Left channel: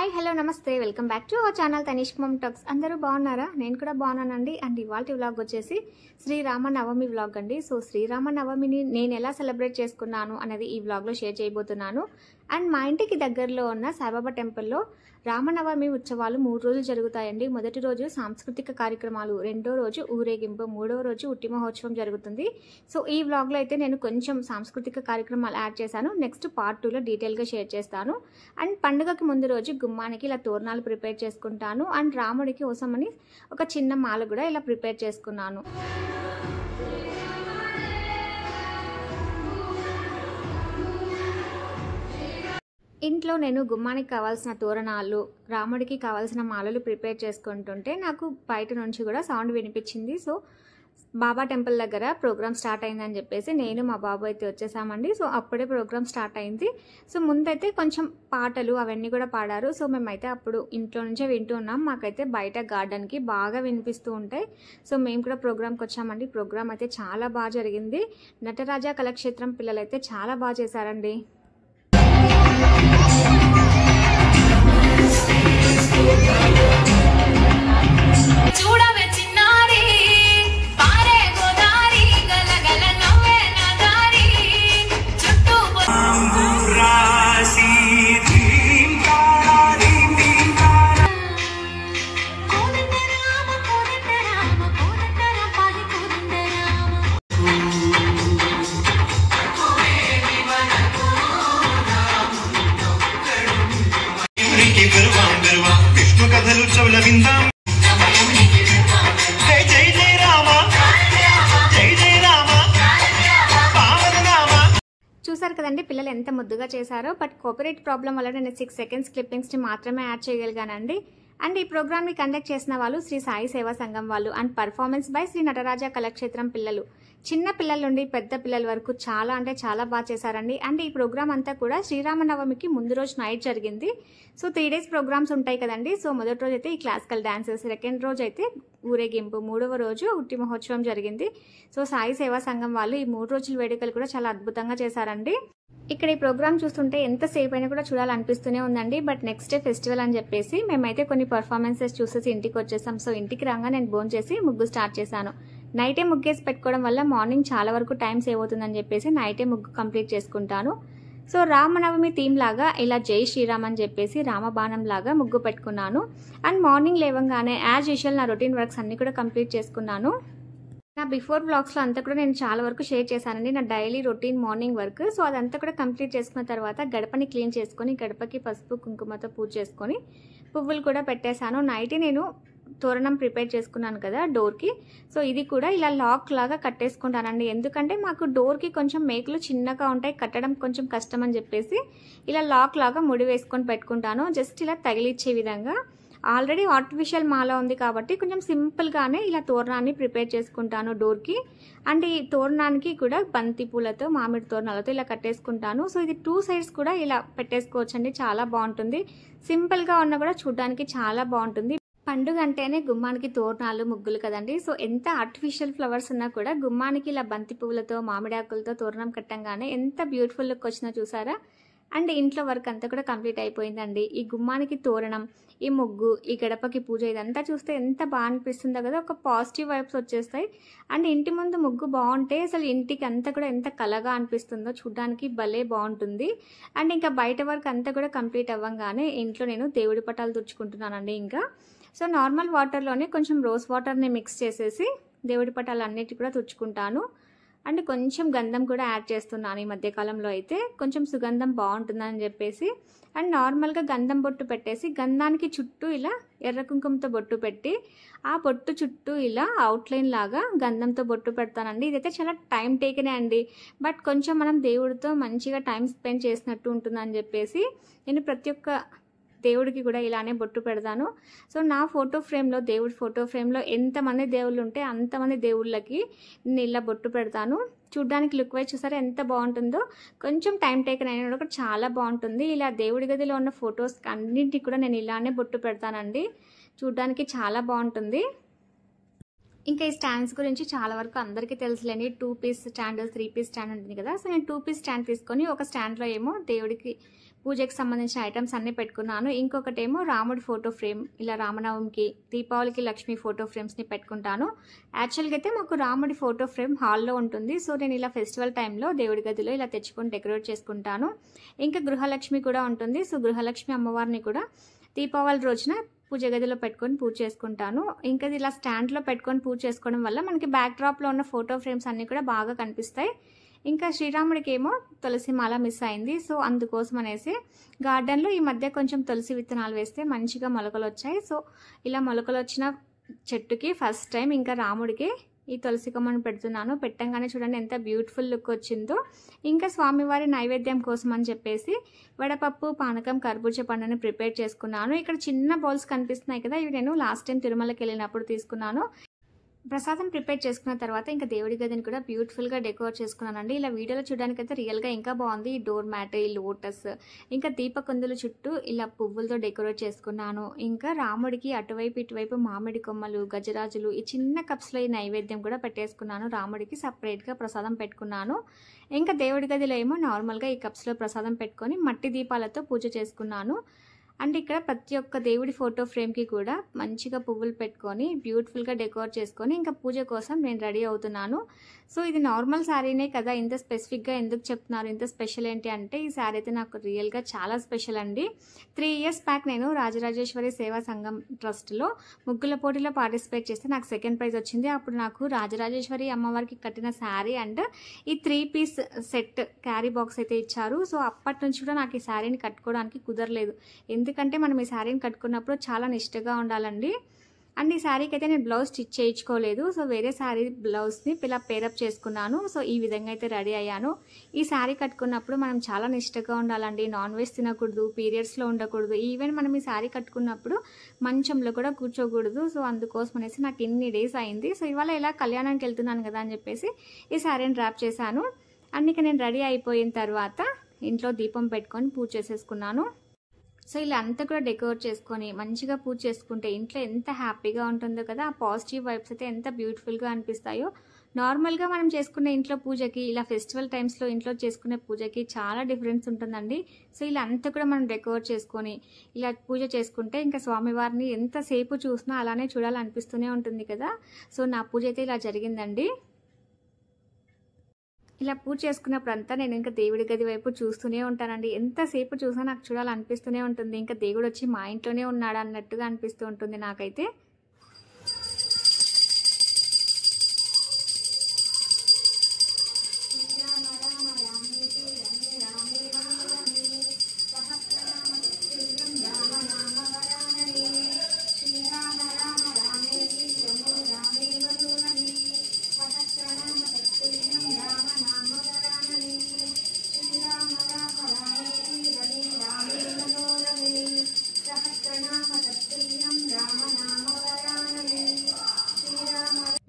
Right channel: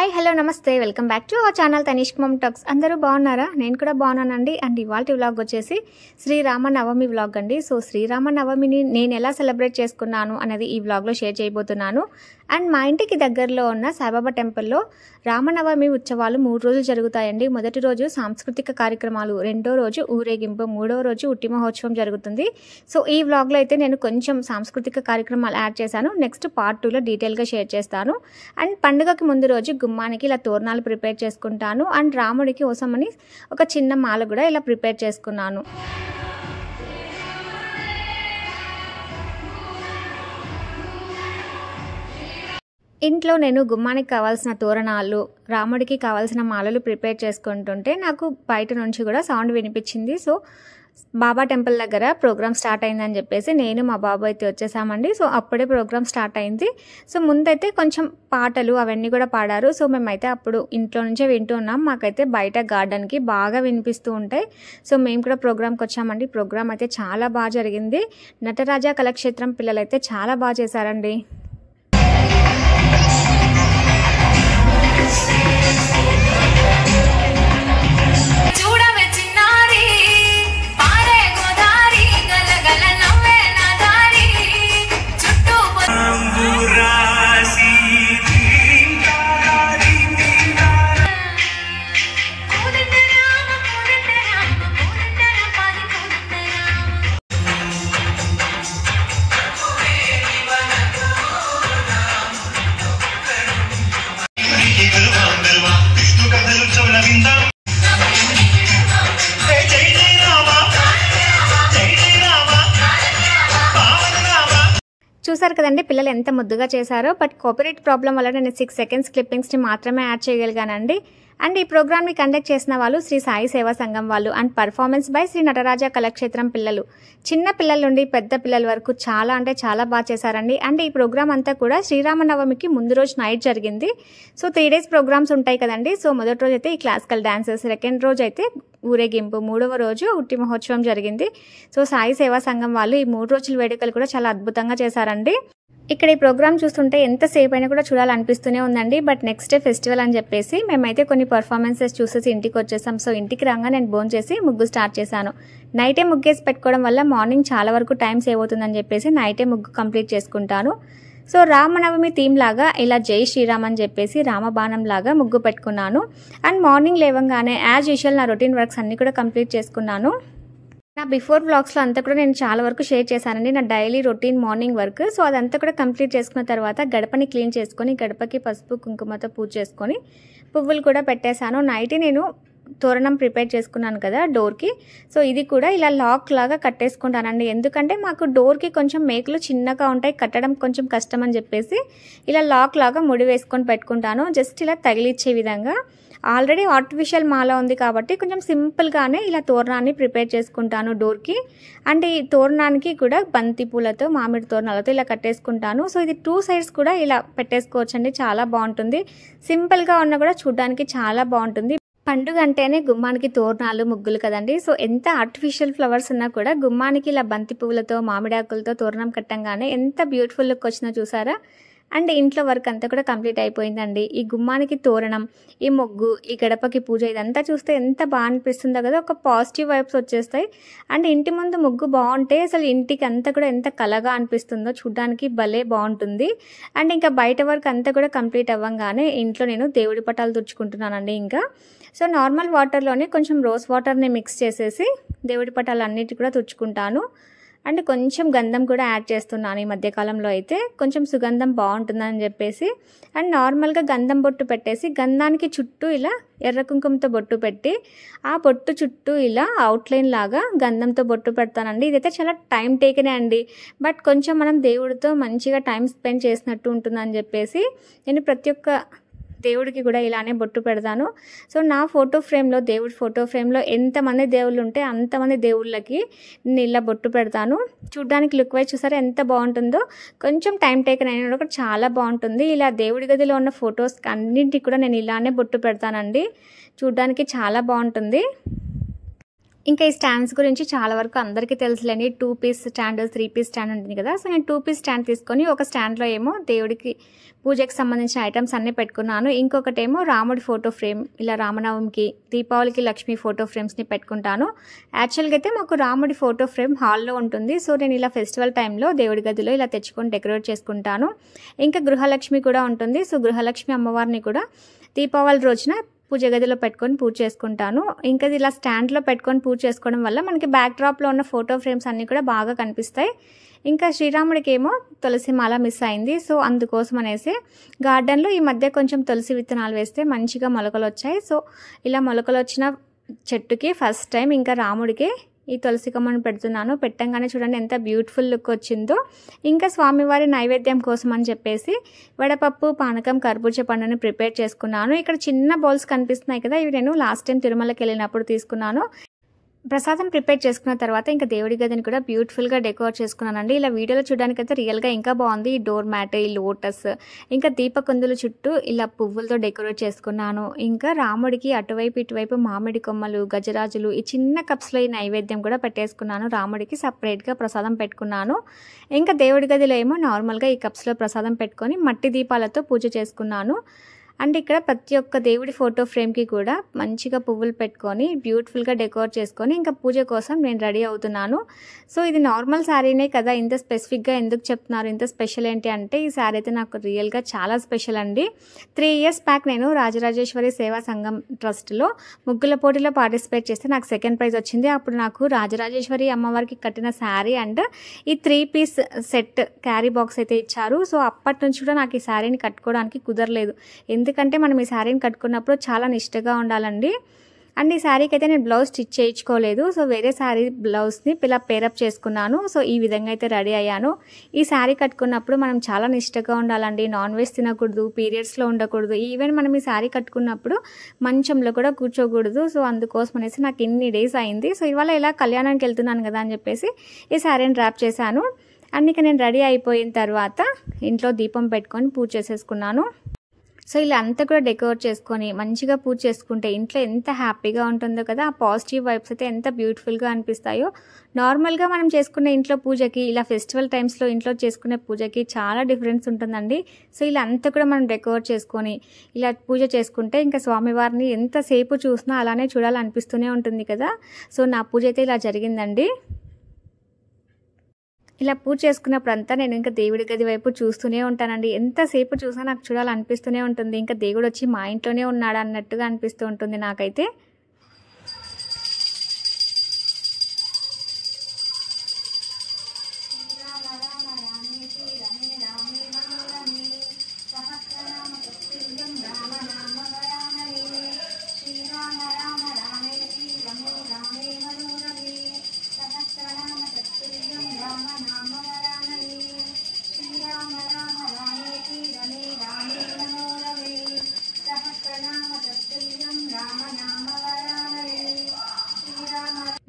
Hi hello నమస్తే welcome back to our channel Tanish mom talks. అందరూ బాగున్నారా? నేను కూడా బాగున్నానండి. అండ్ ఇవాల్టి వ్లాగ్ వచ్చేసి శ్రీరామనవమి వ్లాగ్ అండి. సో శ్రీరామనవమిని నేను ఎలా సెలబ్రేట్ చేసుకున్నాను అనేది ఈ వ్లాగ్లో షేర్ చేయబోతున్నాను. అండ్ మా ఇంటికి దగ్గరలో ఉన్న సాయిబాబా టెంపుల్లో రామనవమి ఉత్సవాలు 3 రోజులు జరుగుతాయండి. మొదటి రోజు సాంస్కృతిక కార్యక్రమాలు, రెండో రోజు ఊరేగింపు, మూడో రోజు ఉట్టి మహోత్సవం జరుగుతుంది. సో ఈ వ్లాగ్లో అయితే నేను కొంచెం సాంస్కృతిక కార్యక్రమాలు యాడ్ చేశాను. నెక్స్ట్ పార్ట్ 2లో డీటెయిల్గా షేర్ చేస్తాను. అండ్ పండుగకి ముందు రోజు గుమ్మానికి ఇలా తోరణాలు ప్రిపేర్ చేసుకుంటాను. అండ్ రాముడికి కోసమని ఒక చిన్న మాల కూడా ఇలా ప్రిపేర్ చేసుకున్నాను. ఇంట్లో నేను గుమ్మానికి కావాల్సిన తోరణాలు, రాముడికి కావాల్సిన మాలలు ప్రిపేర్ చేసుకుంటుంటే నాకు బయట నుంచి కూడా సౌండ్ వినిపించింది. సో బాబా టెంపుల్ దగ్గర ప్రోగ్రామ్ స్టార్ట్ అయిందని చెప్పేసి నేను మా బాబు అయితే వచ్చేసామండి. సో అప్పుడే ప్రోగ్రామ్ స్టార్ట్ అయింది. సో ముందైతే కొంచెం పాటలు అవన్నీ కూడా పాడారు. సో మేమైతే అప్పుడు ఇంట్లో నుంచే వింటూ ఉన్నాం. మాకైతే బయట గార్డెన్కి బాగా వినిపిస్తూ ఉంటాయి. సో మేము కూడా ప్రోగ్రామ్కి వచ్చామండి. ప్రోగ్రామ్ అయితే చాలా బాగా జరిగింది. నటరాజా కళాక్షేత్రం పిల్లలైతే చాలా బాగా చేశారండి. చూసారు కదండి పిల్లలు ఎంత ముద్దుగా చేశారో. బట్ కాపీరైట్ ప్రాబ్లం వల్ల నేను 6 సెకండ్స్ క్లిప్పింగ్స్ని మాత్రమే యాడ్ చేయగలిగానండి. అండ్ ఈ ప్రోగ్రామ్ని కండక్ట్ చేసిన వాళ్ళు శ్రీ సాయి సేవా సంఘం వాళ్ళు. And performance by Sri Nataraja Kalakshetram పిల్లలు. చిన్న పిల్లల నుండి పెద్ద పిల్లల వరకు చాలా అంటే చాలా బాగా చేశారండి. అండ్ ఈ ప్రోగ్రామ్ అంతా కూడా శ్రీరామనవమికి ముందు రోజు నైట్ జరిగింది. సో 3 డేస్ ప్రోగ్రామ్స్ ఉంటాయి కదండి. సో మొదటి రోజు అయితే ఈ క్లాసికల్ డాన్సెస్, సెకండ్ రోజు అయితే ఊరేగింపు, మూడవ రోజు ఉట్టి మహోత్సవం జరిగింది. సో సాయి సేవా సంఘం వాళ్ళు ఈ 3 రోజుల వేడుకలు కూడా చాలా అద్భుతంగా చేశారండి. ఇక్కడ ఈ ప్రోగ్రామ్ చూస్తుంటే ఎంతసేపు అయినా కూడా చూడాలనిపిస్తూనే ఉందండి. బట్ నెక్స్ట్ డే ఫెస్టివల్ అని చెప్పేసి మేమైతే కొన్ని పర్ఫార్మెన్సెస్ చూసేసి ఇంటికి వచ్చేసాం. సో ఇంటికి రాగా నేను భోజనం చేసి ముగ్గు స్టార్ట్ చేశాను. నైటే ముగ్గేసి పెట్టుకోవడం వల్ల మార్నింగ్ చాలా వరకు టైం సేవ్ అవుతుందని చెప్పేసి నైటే ముగ్గు కంప్లీట్ చేసుకుంటాను. సో రామనవమి థీమ్ లాగా ఇలా జై శ్రీరామ్ అని చెప్పేసి రామబాణం లాగా ముగ్గు పెట్టుకున్నాను. అండ్ మార్నింగ్ లేవంగానే యాజ్ యూజువల్ నా రొటీన్ వర్క్స్ అన్ని కూడా కంప్లీట్ చేసుకున్నాను. నా బిఫోర్ వ్లాగ్స్లో అంతా కూడా నేను చాలా వరకు షేర్ చేశానండి, నా daily routine morning work. So అదంతా కూడా కంప్లీట్ చేసుకున్న తర్వాత గడపని క్లీన్ చేసుకొని గడపకి పసుపు కుంకుమతో పూజ చేసుకొని పువ్వులు కూడా పెట్టేశాను. నైట్ నేను తోరణం ప్రిపేర్ చేసుకున్నాను కదా డోర్కి. సో ఇది కూడా ఇలా లాక్ లాగా కట్టేసుకుంటానండి. ఎందుకంటే మాకు డోర్కి కొంచెం మేకులు చిన్నగా ఉంటాయి, కట్టడం కొంచెం కష్టం అని చెప్పేసి ఇలా లాక్ లాగా ముడి వేసుకొని పెట్టుకుంటాను. జస్ట్ ఇలా తగిలిచ్చే విధంగా. ఆల్రెడీ ఆర్టిఫిషియల్ మాల ఉంది కాబట్టి కొంచెం సింపుల్గానే ఇలా తోరణాన్ని ప్రిపేర్ చేసుకుంటాను డోర్కి. అండ్ ఈ తోరణానికి కూడా బంతి పూలతో, మామిడి తోరణాలతో ఇలా కట్టేసుకుంటాను. సో ఇది 2 సైడ్స్ కూడా ఇలా పెట్టేసుకోవచ్చండి, చాలా బాగుంటుంది. సింపుల్గా ఉన్నా కూడా చూడడానికి చాలా బాగుంటుంది. పండుగ అంటేనే గుమ్మానికి తోరణాలు, ముగ్గులు కదండి. సో ఎంత ఆర్టిఫిషియల్ ఫ్లవర్స్ ఉన్నా కూడా గుమ్మానికి ఇలా బంతి పువ్వులతో, మామిడాకులతో తోరణం కట్టంగానే ఎంత బ్యూటిఫుల్ లుక్ వచ్చినా చూసారా. అండ్ ఇంట్లో వర్క్ అంతా కూడా కంప్లీట్ అయిపోయిందండి. ఈ గుమ్మానికి తోరణం, ఈ ముగ్గు, ఈ గడపకి పూజ ఇదంతా చూస్తే ఎంత బాగా అనిపిస్తుందో కదా, ఒక పాజిటివ్ వైబ్స్ వచ్చేస్తాయి. అండ్ ఇంటి ముందు ముగ్గు బాగుంటే అసలు ఇంటికి అంతా కూడా ఎంత కలగా అనిపిస్తుందో, చూడడానికి భలే బాగుంటుంది. అండ్ ఇంకా బయట వర్క్ అంతా కూడా కంప్లీట్ అవ్వగానే ఇంట్లో నేను దేవుడి పటాలు తుడుచుకుంటున్నానండి. ఇంకా సో నార్మల్ వాటర్లోనే కొంచెం రోజ్ వాటర్ని మిక్స్ చేసేసి దేవుడి పటాలు అన్నిటి కూడా తుడుచుకుంటాను. అండ్ కొంచెం గంధం కూడా యాడ్ చేస్తున్నాను ఈ మధ్యకాలంలో అయితే, కొంచెం సుగంధం బాగుంటుందని చెప్పేసి. అండ్ నార్మల్గా గంధం బొట్టు పెట్టేసి గంధానికి చుట్టూ ఇలా ఎర్ర కుంకుమతో బొట్టు పెట్టి ఆ బొట్టు చుట్టూ ఇలా అవుట్లైన్ లాగా గంధంతో బొట్టు పెడతానండి. ఇదైతే చాలా టైం టేకనే అండి. బట్ కొంచెం మనం దేవుడితో మంచిగా టైం స్పెండ్ చేసినట్టు ఉంటుందని చెప్పేసి నేను ప్రతి ఒక్క దేవుడికి కూడా ఇలానే బొట్టు పెడతాను. సో నా ఫోటో ఫ్రేమ్లో, దేవుడి ఫోటో ఫ్రేమ్లో ఎంతమంది దేవుళ్ళు ఉంటే అంతమంది దేవుళ్ళకి నేను ఇలా బొట్టు పెడతాను. చూడ్డానికి లుక్ వైజ్ చూసారా ఎంత బాగుంటుందో. కొంచెం టైం టేకన్ అయినా కూడా చాలా బాగుంటుంది. ఇలా దేవుడి గదిలో ఉన్న ఫొటోస్ అన్నింటికి కూడా నేను ఇలానే బొట్టు పెడతానండి. చూడ్డానికి చాలా బాగుంటుంది. ఇంకా ఈ స్టాండ్స్ గురించి చాలా వరకు అందరికీ తెలుసులేండి. 2 పీస్ స్టాండ్, 3 పీస్ స్టాండ్ ఉంటుంది కదా. సో నేను 2 పీస్ స్టాండ్ తీసుకొని ఒక స్టాండ్లో ఏమో దేవుడికి పూజకి సంబంధించిన ఐటమ్స్ అన్నీ పెట్టుకున్నాను. ఇంకొకటేమో రాముడి ఫోటో ఫ్రేమ్, ఇలా రామనవమికి, దీపావళికి లక్ష్మీ ఫోటో ఫ్రేమ్స్ని పెట్టుకుంటాను. యాక్చువల్గా అయితే మాకు రాముడి ఫోటో ఫ్రేమ్ హాల్లో ఉంటుంది. సో నేను ఇలా ఫెస్టివల్ టైంలో దేవుడి గదిలో ఇలా తెచ్చుకొని డెకరేట్ చేసుకుంటాను. ఇంకా గృహలక్ష్మి కూడా ఉంటుంది. సో గృహలక్ష్మి అమ్మవారిని కూడా దీపావళి రోజున పూజ గదిలో పెట్టుకొని పూజ చేసుకుంటాను. ఇంకా ఇలా స్టాండ్లో పెట్టుకొని పూజ చేసుకోవడం వల్ల మనకి బ్యాక్ డ్రాప్లో ఉన్న ఫోటో ఫ్రేమ్స్ అన్నీ కూడా బాగా కనిపిస్తాయి. ఇంకా శ్రీరాముడికి ఏమో తులసి మాల మిస్ అయింది. సో అందుకోసం అనేసి గార్డెన్లో ఈ మధ్య కొంచెం తులసి విత్తనాలు వేస్తే మంచిగా మొలకలు వచ్చాయి. సో ఇలా మొలకలు వచ్చిన చెట్టుకి ఫస్ట్ టైం ఇంకా రాముడికి ఈ తులసి కొమ్మను పెడుతున్నాను. పెట్టంగానే చూడండి ఎంత బ్యూటిఫుల్ లుక్ వచ్చిందో. ఇంకా స్వామివారి నైవేద్యం కోసం అని చెప్పేసి వడపప్పు, పానకం, కర్బూజా పండుని ప్రిపేర్ చేసుకున్నాను. ఇక్కడ చిన్న బౌల్స్ కనిపిస్తున్నాయి కదా, ఇవి నేను లాస్ట్ టైం తిరుమలకి వెళ్ళినప్పుడు తీసుకున్నాను. ప్రసాదం ప్రిపేర్ చేసుకున్న తర్వాత ఇంకా దేవుడి గదిని కూడా బ్యూటిఫుల్గా డెకోర్ చేసుకున్నానండి. ఇలా వీడియోలో చూడడానికి అయితే రియల్గా ఇంకా బాగుంది. ఈ డోర్ మ్యాట్, ఈ లోటస్, ఇంకా దీపకుందుల చుట్టూ ఇలా పువ్వులతో డెకరేట్ చేసుకున్నాను. ఇంకా రాముడికి అటువైపు ఇటువైపు మామిడి కొమ్మలు, గజరాజులు, ఈ చిన్న కప్స్లో ఈ నైవేద్యం కూడా పెట్టేసుకున్నాను. రాముడికి సపరేట్గా ప్రసాదం పెట్టుకున్నాను. ఇంకా దేవుడి గదిలో ఏమో నార్మల్గా ఈ కప్స్లో ప్రసాదం పెట్టుకొని మట్టి దీపాలతో పూజ చేసుకున్నాను. అండ్ ఇక్కడ ప్రతి ఒక్క దేవుడి ఫోటో ఫ్రేమ్కి కూడా మంచిగా పువ్వులు పెట్టుకొని బ్యూటిఫుల్గా డెకోర్ చేసుకొని ఇంకా పూజ కోసం నేను రెడీ అవుతున్నాను. సో ఇది నార్మల్ శారీనే కదా, ఇంత స్పెసిఫిక్గా ఎందుకు చెప్తున్నారు, ఇంత స్పెషల్ ఏంటి అంటే ఈ శారీ అయితే నాకు రియల్గా చాలా స్పెషల్ అండి. 3 years బ్యాక్ నేను రాజరాజేశ్వరి సేవా సంఘం ట్రస్ట్లో ముగ్గుల పోటీలో పార్టిసిపేట్ చేస్తే నాకు సెకండ్ ప్రైజ్ వచ్చింది. అప్పుడు నాకు రాజరాజేశ్వరి అమ్మవారికి కట్టిన శారీ అండ్ ఈ 3 piece సెట్ క్యారీ బాక్స్ అయితే ఇచ్చారు. సో అప్పటి నుంచి కూడా నాకు ఈ శారీని కట్టుకోవడానికి కుదరలేదు. ఎందుకంటే మనం ఈ శారీని కట్టుకున్నప్పుడు చాలా నిష్టగా ఉండాలండి. అండ్ ఈ శారీకి అయితే నేను బ్లౌజ్ స్టిచ్ చేయించుకోలేదు. సో వేరే శారీ బ్లౌజ్ని ఇలా పేరప్ చేసుకున్నాను. సో ఈ విధంగా అయితే రెడీ అయ్యాను. ఈ శారీ కట్టుకున్నప్పుడు మనం చాలా నిష్టగా ఉండాలండి. నాన్ వెజ్ తినకూడదు, పీరియడ్స్లో ఉండకూడదు, ఈవెన్ మనం ఈ శారీ కట్టుకున్నప్పుడు మంచంలో కూడా కూర్చోకూడదు. సో అందుకోసం అనేసి నాకు ఇన్ని డేస్ అయింది. సో ఇవాళ ఇలా కళ్యాణానికి వెళ్తున్నాను కదా అని చెప్పేసి ఈ శారీని డ్రాప్ చేశాను. అండ్ ఇక నేను రెడీ అయిపోయిన తర్వాత ఇంట్లో దీపం పెట్టుకొని పూజ చేసేసుకున్నాను. సో ఇలా అంతా కూడా డెకోర్ చేసుకొని మంచిగా పూజ చేసుకుంటే ఇంట్లో ఎంత హ్యాపీగా ఉంటుందో కదా. ఆ పాజిటివ్ వైబ్స్ అయితే ఎంత బ్యూటిఫుల్గా అనిపిస్తాయో. నార్మల్గా మనం చేసుకునే ఇంట్లో పూజకి, ఇలా ఫెస్టివల్ టైమ్స్లో ఇంట్లో చేసుకునే పూజకి చాలా డిఫరెన్స్ ఉంటుందండి. సో ఇలా అంతా కూడా మనం డెకోర్ చేసుకొని ఇలా పూజ చేసుకుంటే ఇంకా స్వామివారిని ఎంతసేపు చూసినా అలానే చూడాలనిపిస్తూనే ఉంటుంది కదా. సో నా పూజ అయితే ఇలా జరిగిందండి. ఇలా పూజ చేసుకున్నప్పుడు అంతా నేను ఇంకా దేవుడి గది వైపు చూస్తూనే ఉంటానండి. ఎంతసేపు చూసినా నాకు చూడాలనిపిస్తూనే ఉంటుంది. ఇంకా దేవుడు వచ్చి మా ఇంట్లోనే ఉన్నాడు అన్నట్టుగా అనిపిస్తూ ఉంటుంది నాకైతే.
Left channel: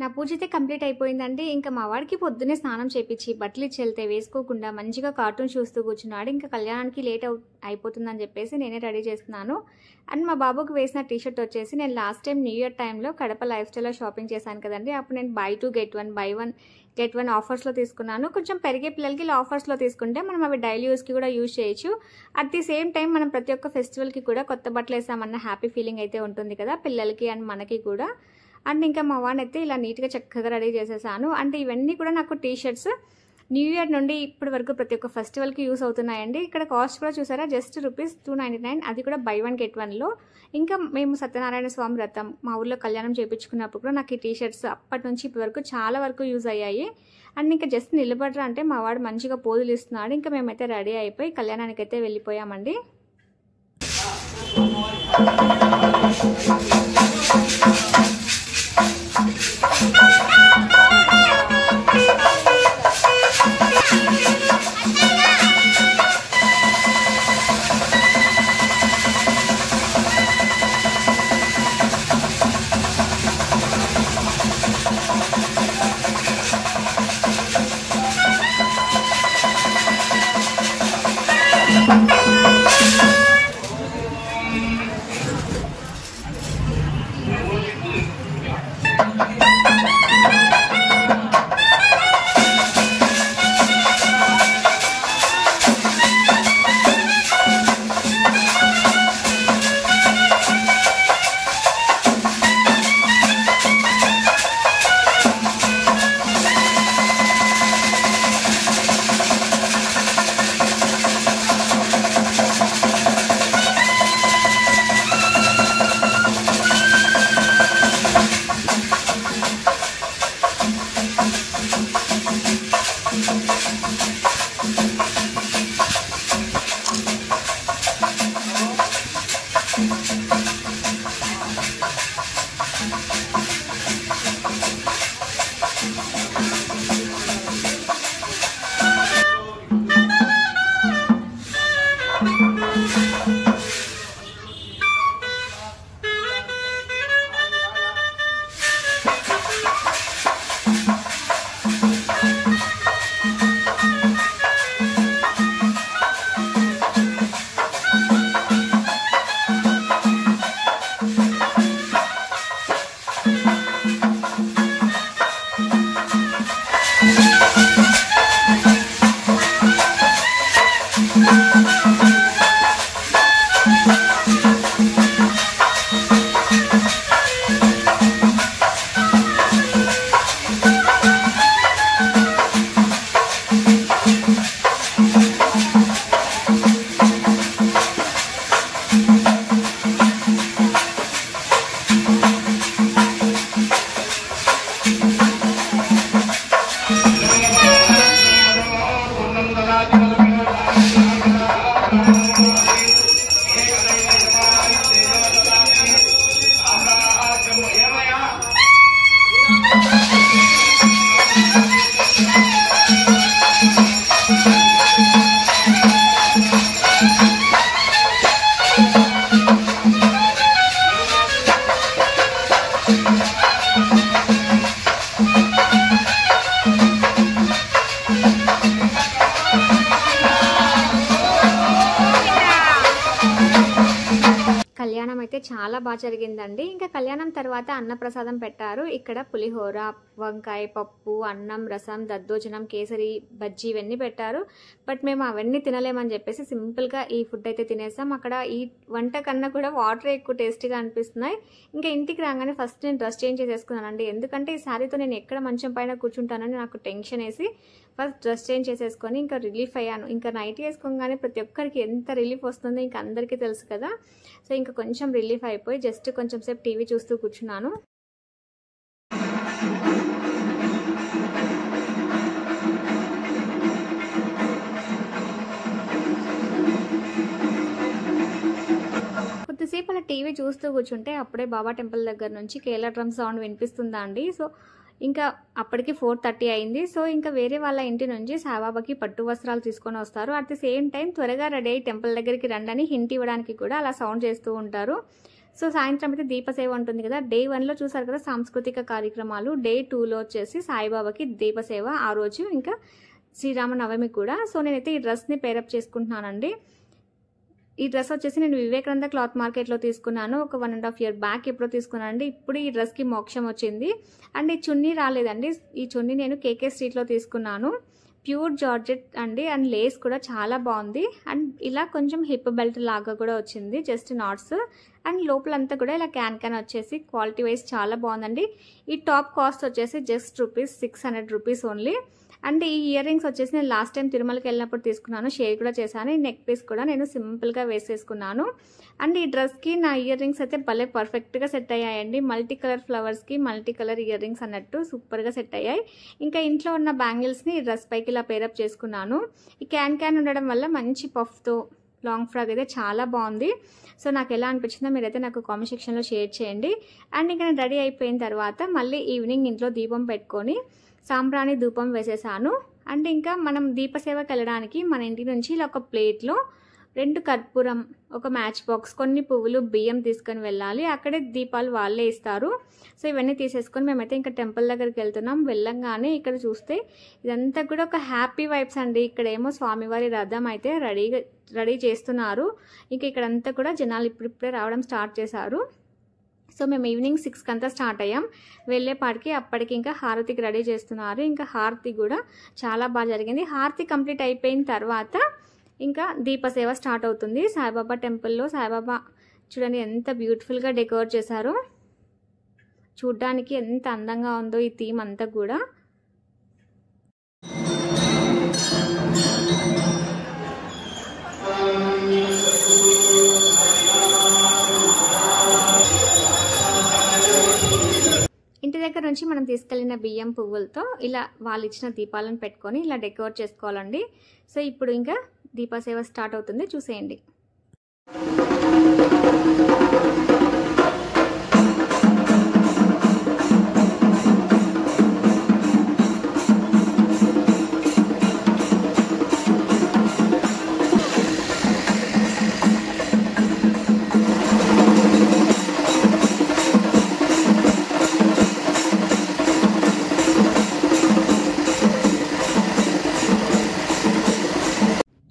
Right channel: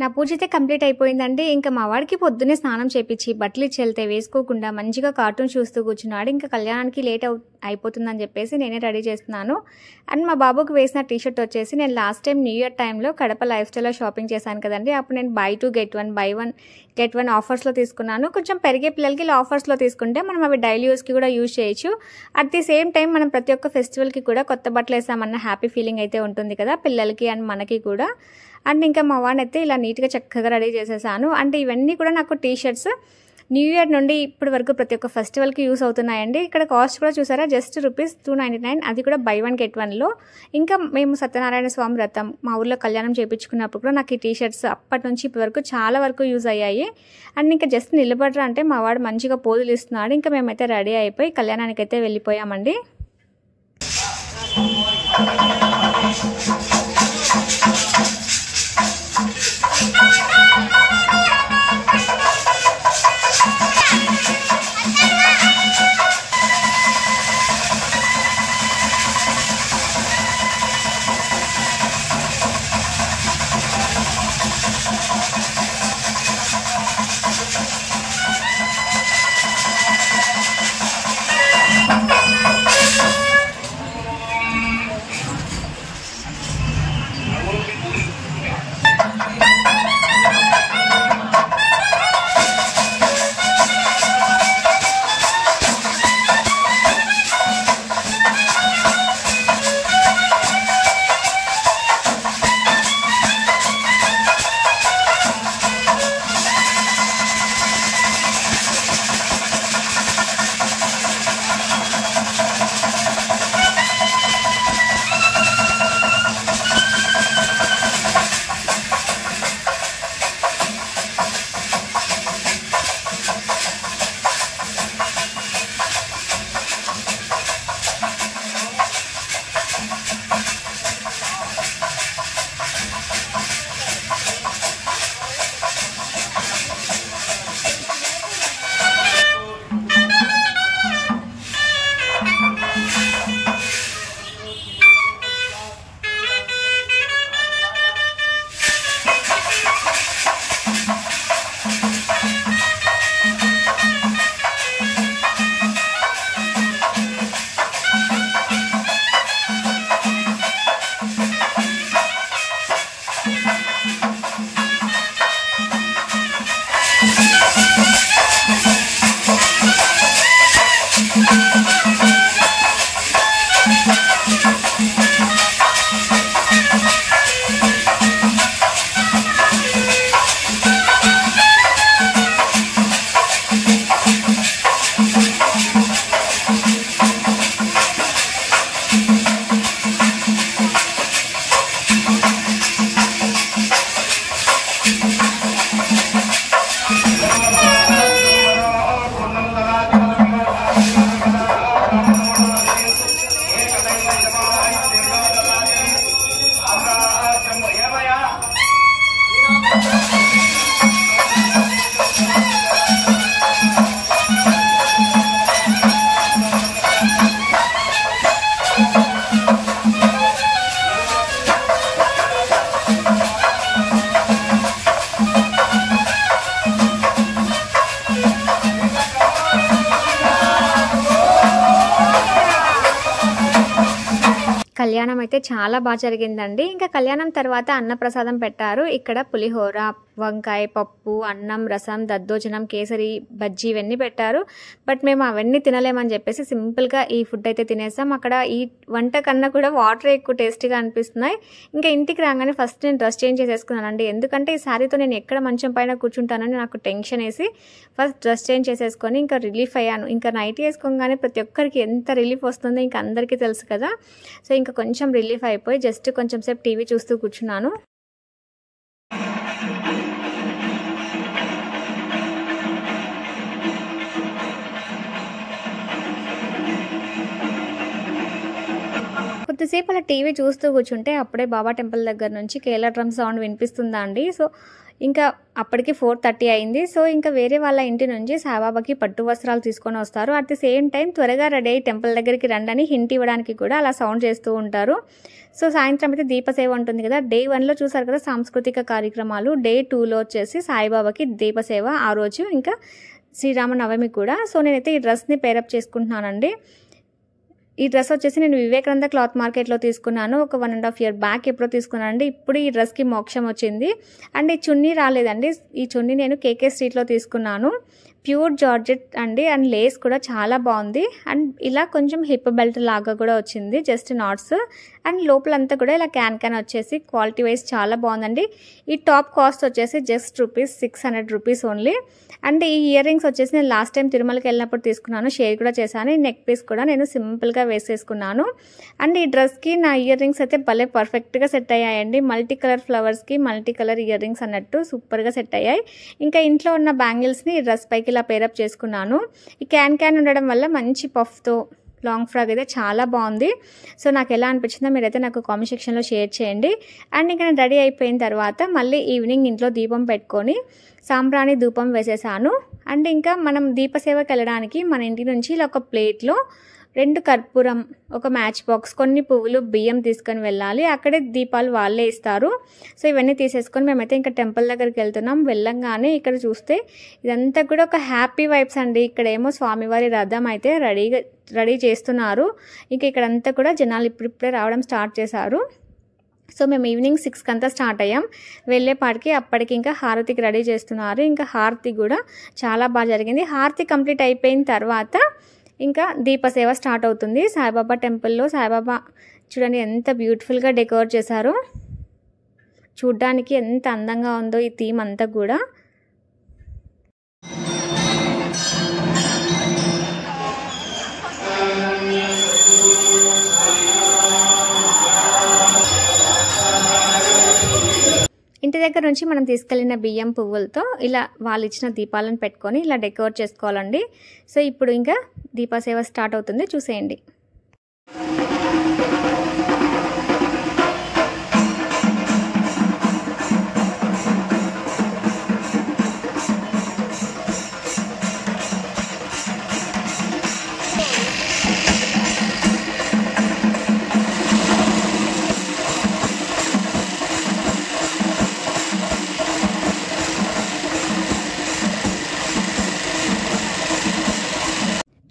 నా పూజ అయితే కంప్లీట్ అయిపోయిందండి. ఇంకా మా వాడికి పొద్దున్నే స్నానం చేపించి బట్టలు ఇచ్చి వెళ్తే వేసుకోకుండా మంచిగా కార్టూన్ చూస్తూ కూర్చున్నాడు. ఇంకా కళ్యాణానికి లేట్ అయిపోతుందని చెప్పేసి నేనే రెడీ చేస్తున్నాను. అండ్ మా బాబుకి వేసిన టీషర్ట్ వచ్చేసి నేను లాస్ట్ టైం న్యూ ఇయర్ టైంలో కడప లైఫ్ స్టైల్లో షాపింగ్ చేశాను కదండి. అప్పుడు నేను buy 2 get 1 buy 1 get 1 ఆఫర్స్లో తీసుకున్నాను. కొంచెం పెరిగే పిల్లలకి ఇలా ఆఫర్స్లో తీసుకుంటే మనం అవి డైలీ యూస్కి కూడా యూజ్ చేయొచ్చు. అట్ ది సేమ్ టైం మనం ప్రతి ఒక్క ఫెస్టివల్కి కూడా కొత్త బట్టలు వేసామన్న హ్యాపీ ఫీలింగ్ అయితే ఉంటుంది కదా పిల్లలకి అండ్ మనకి కూడా. అండ్ ఇంకా మా వాడిని అయితే ఇలా నీట్గా చక్కగా రెడీ చేసేసాను. అంటే ఇవన్నీ కూడా నాకు టీషర్ట్స్ న్యూ ఇయర్ నుండి ఇప్పటి వరకు ప్రతి ఒక్క ఫెస్టివల్కి యూస్ అవుతున్నాయండి. ఇక్కడ కాస్ట్ కూడా చూసారా, జస్ట్ ₹299, అది కూడా buy 1 get 1లో. ఇంకా మేము సత్యనారాయణ స్వామి వ్రతం మా ఊర్లో కళ్యాణం చేయించుకున్నప్పుడు కూడా నాకు ఈ టీషర్ట్స్ అప్పటి నుంచి ఇప్పటి వరకు చాలా వరకు యూజ్ అయ్యాయి. అండ్ ఇంకా జస్ట్ నిలబడరా అంటే మా వాడు మంచిగా పోజులు ఇస్తున్నాడు. ఇంకా మేమైతే రెడీ అయిపోయి కళ్యాణానికి అయితే వెళ్ళిపోయామండి. కళ్యాణం అయితే చాలా బాగా జరిగిందండి. ఇంకా కళ్యాణం తర్వాత అన్నప్రసాదం పెట్టారు. ఇక్కడ పులిహోర, వంకాయ, పప్పు, అన్నం, రసం, దద్దోజనం, కేసరి, బజ్జీ ఇవన్నీ పెట్టారు. బట్ మేము అవన్నీ తినలేమని చెప్పేసి సింపుల్గా ఈ ఫుడ్ అయితే తినేసాం. అక్కడ ఈ వంట కన్నా కూడా వాటర్ ఎక్కువ టేస్టీగా అనిపిస్తున్నాయి. ఇంకా ఇంటికి రాగానే ఫస్ట్ నేను డ్రెస్ చేంజ్ చేసేసుకున్నానండి. ఎందుకంటే ఈ శారీతో నేను ఎక్కడ మంచం పైన కూర్చుంటానని నాకు టెన్షన్ వేసి ఫస్ట్ డ్రెస్ చేంజ్ చేసేసుకొని ఇంకా రిలీఫ్ అయ్యాను. ఇంకా నైట్ వేసుకోగానే ప్రతి ఒక్కరికి ఎంత రిలీఫ్ వస్తుందో ఇంకా అందరికీ తెలుసు కదా. సో ఇంకా కొంచెం రిలీఫ్ అయిపోయి జస్ట్ కొంచెం సేపు టీవీ చూస్తూ కూర్చున్నాను. కొద్దిసేపు అలా టీవీ చూస్తూ కూర్చుంటే అప్పుడే బాబా టెంపుల్ దగ్గర నుంచి కేరళ డ్రమ్ సౌండ్ వినిపిస్తుందా అండి. సో ఇంకా అప్పటికి 4:30 అయింది. సో ఇంకా వేరే వాళ్ళ ఇంటి నుంచి సాయిబాబాకి పట్టు వస్త్రాలు తీసుకొని వస్తారు. అట్ ది సేమ్ టైం త్వరగా రెడీ అయ్యి టెంపుల్ దగ్గరికి రండి అని హింట్ ఇవ్వడానికి కూడా అలా సౌండ్ చేస్తూ ఉంటారు. సో సాయంత్రం అయితే దీపసేవ ఉంటుంది కదా. డే 1లో చూసారు కదా సాంస్కృతిక కార్యక్రమాలు. డే 2లో వచ్చేసి సాయిబాబాకి దీపసేవ ఆ రోజు, ఇంకా శ్రీరామనవమి కూడా. సో నేనైతే ఈ డ్రెస్ని పేరప్ చేసుకుంటున్నానండి. ఈ డ్రెస్ వచ్చేసి నేను వివేకానంద క్లాత్ మార్కెట్లో తీసుకున్నాను. ఒక 1.5 year బ్యాక్ ఎప్పుడో తీసుకున్నానండి. ఇప్పుడు ఈ డ్రెస్కి మోక్షం వచ్చింది. అండ్ ఈ చున్నీ రాలేదండి. ఈ చున్నీ నేను కేకే స్ట్రీట్లో తీసుకున్నాను. ప్యూర్ జార్జెట్ అండి. అండ్ లేస్ కూడా చాలా బాగుంది. అండ్ ఇలా కొంచెం హిప్ బెల్ట్ లాగా కూడా వచ్చింది, జస్ట్ నాట్స్. అండ్ లోపలంతా కూడా ఇలా క్యాన్ వచ్చేసి క్వాలిటీ వైజ్ చాలా బాగుందండి. ఈ టాప్ కాస్ట్ వచ్చేసి జస్ట్ ₹600 ఓన్లీ. అండ్ ఈ ఇయర్ రింగ్స్ వచ్చేసి నేను లాస్ట్ టైం తిరుమలకి వెళ్ళినప్పుడు తీసుకున్నాను, షేర్ కూడా చేశాను. ఈ నెక్ పీస్ కూడా నేను సింపుల్గా వేసేసుకున్నాను. అండ్ ఈ డ్రెస్కి నా ఇయర్ రింగ్స్ అయితే భలే పర్ఫెక్ట్గా సెట్ అయ్యాయండి. మల్టీ కలర్ ఫ్లవర్స్కి మల్టీ కలర్ ఇయర్ రింగ్స్ అన్నట్టు సూపర్గా సెట్ అయ్యాయి. ఇంకా ఇంట్లో ఉన్న బ్యాంగిల్స్ని ఈ డ్రెస్ పైకి ఇలా పేరప్ చేసుకున్నాను. ఈ క్యాన్ ఉండడం వల్ల మంచి పఫ్తో లాంగ్ ఫ్రాక్ అయితే చాలా బాగుంది. సో నాకు ఎలా అనిపించిందో మీరైతే నాకు కామెంట్ సెక్షన్లో షేర్ చేయండి. అండ్ ఇంకా నేను రెడీ అయిపోయిన తర్వాత మళ్ళీ ఈవినింగ్ ఇంట్లో దీపం పెట్టుకొని సాంబ్రాణి ధూపం వేసేసాను. అండ్ ఇంకా మనం దీపసేవకి వెళ్ళడానికి మన ఇంటి నుంచి ఇలా ఒక ప్లేట్లో 2 కర్పూరం, ఒక మ్యాచ్ బాక్స్, కొన్ని పువ్వులు, బియ్యం తీసుకొని వెళ్ళాలి. అక్కడే దీపాలు వాళ్ళే ఇస్తారు. సో ఇవన్నీ తీసేసుకొని మేమైతే ఇంకా టెంపుల్ దగ్గరికి వెళ్తున్నాం. వెళ్ళంగానే ఇక్కడ చూస్తే ఇదంతా కూడా ఒక హ్యాపీ వైబ్స్ అండి. ఇక్కడేమో స్వామివారి రథం అయితే రెడీ చేస్తున్నారు. ఇంకా ఇక్కడంతా కూడా జనాలు ఇప్పుడిప్పుడే రావడం స్టార్ట్ చేశారు. సో మేము ఈవినింగ్ 6కి అంతా స్టార్ట్ అయ్యాం. వెళ్ళేపాటికి అప్పటికి ఇంకా హారతికి రెడీ చేస్తున్నారు. ఇంకా హారతి కూడా చాలా బాగా జరిగింది. హారతి కంప్లీట్ అయిపోయిన తర్వాత ఇంకా దీపసేవ స్టార్ట్ అవుతుంది. సాయిబాబా టెంపుల్లో సాయిబాబా చూడండి ఎంత బ్యూటిఫుల్గా డెకోర్ చేశారో. చూడ్డానికి ఎంత అందంగా ఉందో ఈ థీమ్ అంతా కూడా. ఇంటి దగ్గర నుంచి మనం తీసుకెళ్ళిన బియ్యం పువ్వులతో ఇలా వాళ్ళు ఇచ్చిన దీపాలను పెట్టుకొని ఇలా డెకోర్ చేసుకోవాలండి. సో ఇప్పుడు ఇంకా దీపసేవ స్టార్ట్ అవుతుంది, చూసేయండి.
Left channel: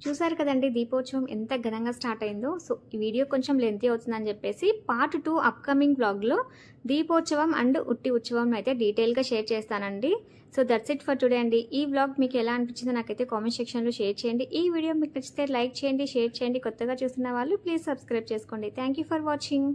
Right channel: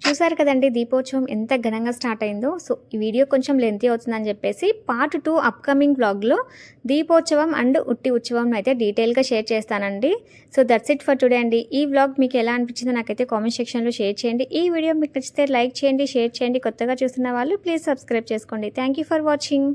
చూసారు కదండి దీపోత్సవం ఎంత ఘనంగా స్టార్ట్ అయిందో. సో ఈ వీడియో కొంచెం లెంతీ అవుతుందని చెప్పేసి పార్ట్ 2 అప్కమింగ్ వ్లాగ్లో దీపోత్సవం అండ్ ఉట్టి ఉత్సవం అయితే డీటెయిల్గా షేర్ చేస్తానండి. So that's it for today అండి. ఈ వ్లాగ్ మీకు ఎలా అనిపించిందో నాకైతే కామెంట్ సెక్షన్లో షేర్ చేయండి. ఈ వీడియో మీకు నచ్చితే లైక్ చేయండి, షేర్ చేయండి. కొత్తగా చూస్తున్న వాళ్ళు ప్లీజ్ సబ్స్క్రైబ్ చేసుకోండి. Thank you for watching.